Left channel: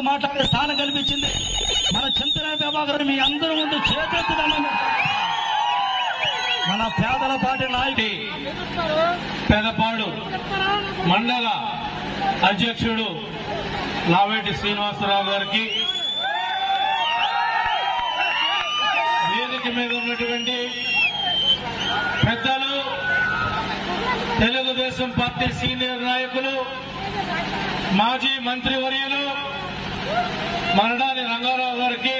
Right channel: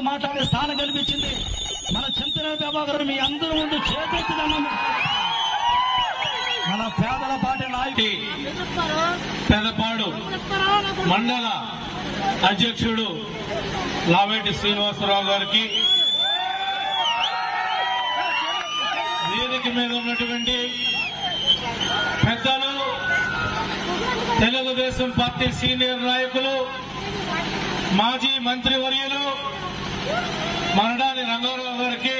ముందు మాట్లాడే స్థానం కల్పించింది మన చింతన ప్రభాకర్. మీ అందరి ముందు చేపడుతున్నాను. మన పేదల పార్టీ నాయకుడి పెదపాడు మండల అధ్యక్షుడు లావేటి శ్రీనివాసరావు గారికి, వేదిక మీద ఉన్నటువంటి పెద్దలు, తెలుగుదేశం పార్టీ సీనియర్ నాయకులు, మాజీ మంత్రివర్యులు మరడాని రంగారావు గారికి,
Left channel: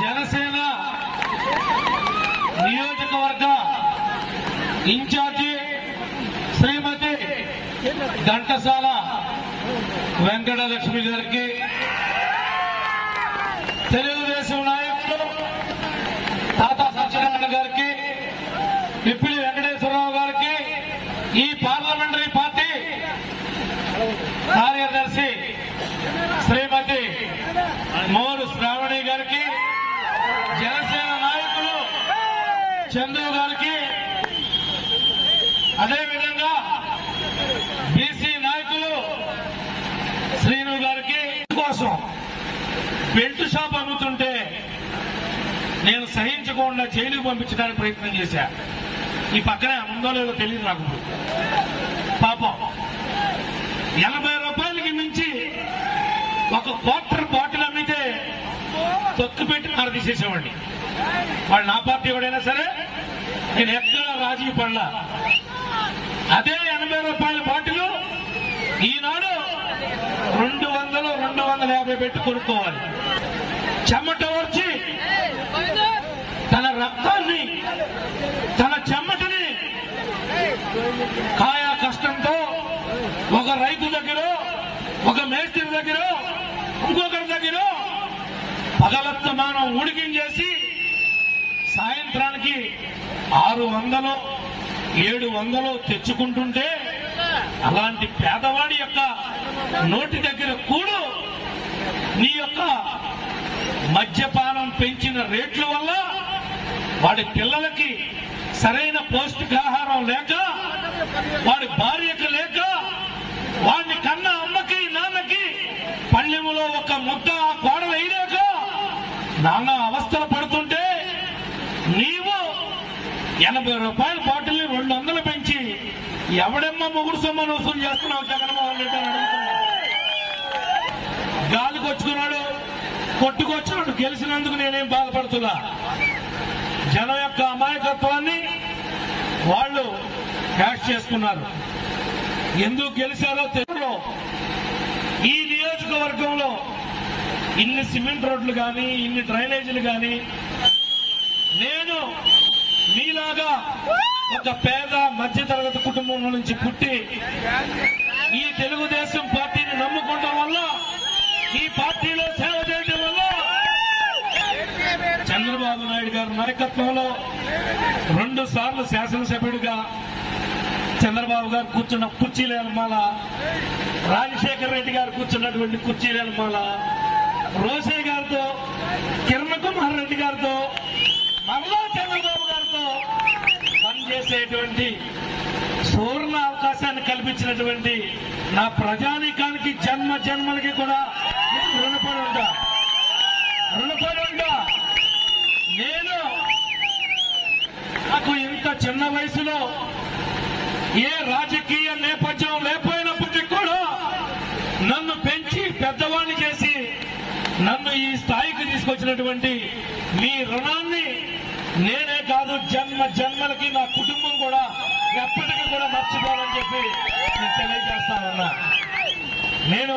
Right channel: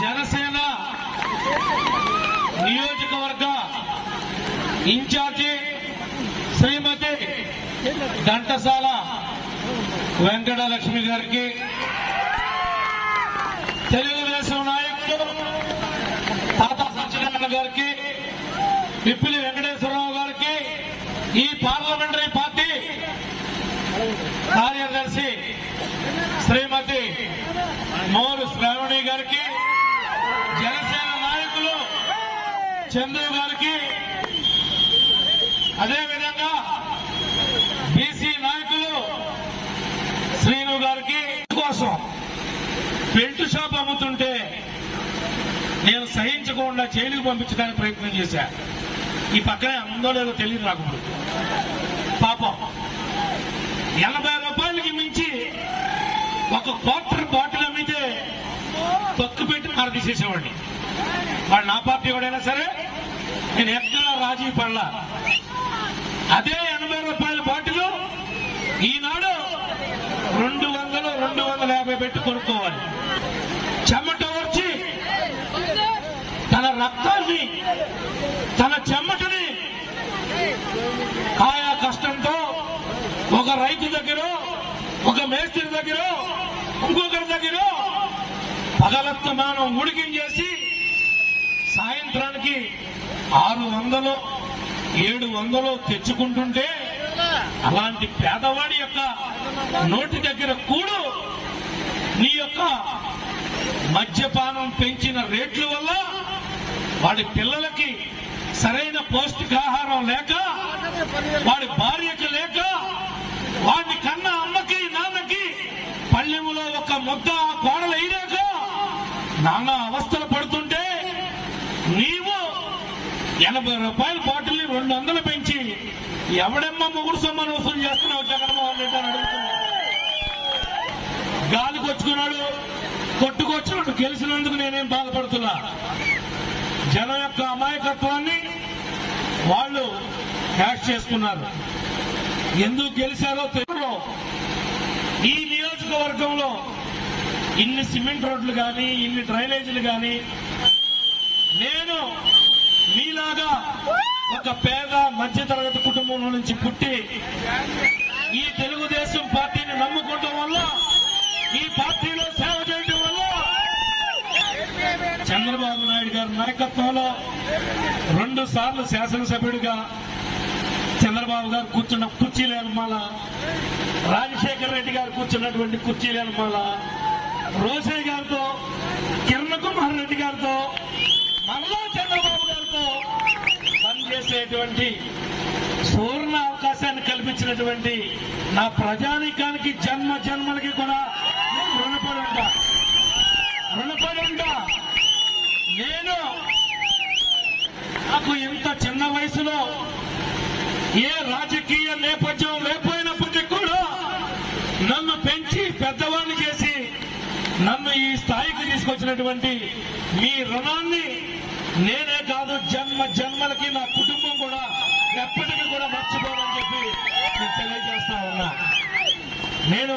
జనసేన నియోజకవర్గ ఇన్ఛార్జి శ్రీమతి ఘంటసాల వెంకటలక్ష్మి గారికి, తెలుగుదేశం నాయకులు తాతా సత్యనారాయణ గారికి, పిప్పిలి వెంకటేశ్వరరావు గారికి, ఈ పార్లమెంటరీ పార్టీ కార్యదర్శి శ్రీమతి మోరు శ్రావణి గారికి, జనసేన నాయకులు చంద్రు గారికి, అదేవిధంగా బీసీ నాయకులు శ్రీను గారికి కోసం బెల్ట్ షాప్ అమ్ముతుంటే నేను సహించకుండా జైలుకు పంపించడానికి ప్రయత్నం చేశా. ఈ పక్కనే ఉందో లేదో తెలియదు నాకు. పాపం 80 రూపాయలకి మించి ఒక క్వార్టర్ బాటిల్ అమ్మితే తొక్కు పెట్టి తీసేసేవాడిని. వాడు నా పార్టీ ఎవడైనా సరే నేను ఎక్కడ రాజీ పడలా. అదే 80 రూపాయల బాటిల్ ఈనాడు 200, 250 పెట్టి కొనుక్కోవాలి. చెమట వచ్చి తన రక్తాన్ని, తన చెమటని కాయ కష్టంతో ఒక రైతు దగ్గర, ఒక మేస్త్రి దగ్గర, ఇంకొకరి దగ్గర భగవత్మానం ఉడికించేసి సాయంత్రానికి 600, 700 తెచ్చుకుంటుంటే అలాంటి పేదవాడి యొక్క నోటి దగ్గర కూడు నీ యొక్క మద్యపానం పెంచిన రేట్ల వల్ల వాడి పిల్లలకి సరైన పౌష్టికాహారం లేక, వాడి భార్యకు లేక, వాడిని కన్న అమ్మకి నాన్నకి పళ్ళెములో ఒక ముద్ద కోడలు అయినాక నాన్న అవస్థలు పడుతుంటే నీవు 80 రూపాయల బాటిల్ని 200 పెంచి ఎవడెమ్మ మొగుడు సొమ్మను వసూలు చేస్తున్నావు జగన్మోహన్ రెడ్డి అని అడుగుతున్నాడు. గాలికొచ్చుకున్నాడు, కొట్టుకొచ్చున్నాడు. గెలిచినందుకు నేనేం బాధపడుతున్నా. జనం యొక్క అమాయకత్వాన్ని వాళ్ళు హ్యాష్ చేసుకున్నారు. ఎందుకు గెలిచారో తెలుగులో ఈ నియోజకవర్గంలో ఇన్ని సిమెంట్ రోడ్లు కానీ, ఇన్ని డ్రైనేజీలు కానీ నేను మీలాగా ఒక పేద మధ్యతరగతి కుటుంబం నుంచి పుట్టి ఈ తెలుగుదేశం పార్టీని నమ్ముకోవడం వల్ల, ఈ పార్టీలో సేవ చేయడం వల్ల చంద్రబాబు నాయుడు గారి నాయకత్వంలో 2 సార్లు శాసనసభ్యుడిగా చంద్రబాబు గారు కూర్చున్న కుర్చీలేలమాల, రాజశేఖర్ రెడ్డి గారు కూర్చున్నటువంటి కుర్చీలేలమాల, రోసయ్య గారితో, కిరణ్ కుమార్ రెడ్డి గారితో, మరలా చంద్రబాబు గారితో పనిచేసేటువంటి సువర్ణ అవకాశాన్ని కల్పించినటువంటి నా ప్రజానీకానికి జన్మ జన్మలకి కూడా రుణపడి ఉంటా. నేను నాకు ఇంత చిన్న వయసులో ఏ రాజకీయ నేపథ్యం లేకపోయినప్పటికీ కూడా నన్ను పెంచి పెద్దవాడిని చేసి నన్ను ఈ స్థాయికి తీసుకొచ్చినటువంటి మీ రుణాన్ని నేనే కాదు, జన్మ జన్మలకి నా కుటుంబం కూడా ఎప్పటికీ కూడా మర్చిపోవాలని చెప్పి నేను తెలియజేస్తా ఉన్నా. నేను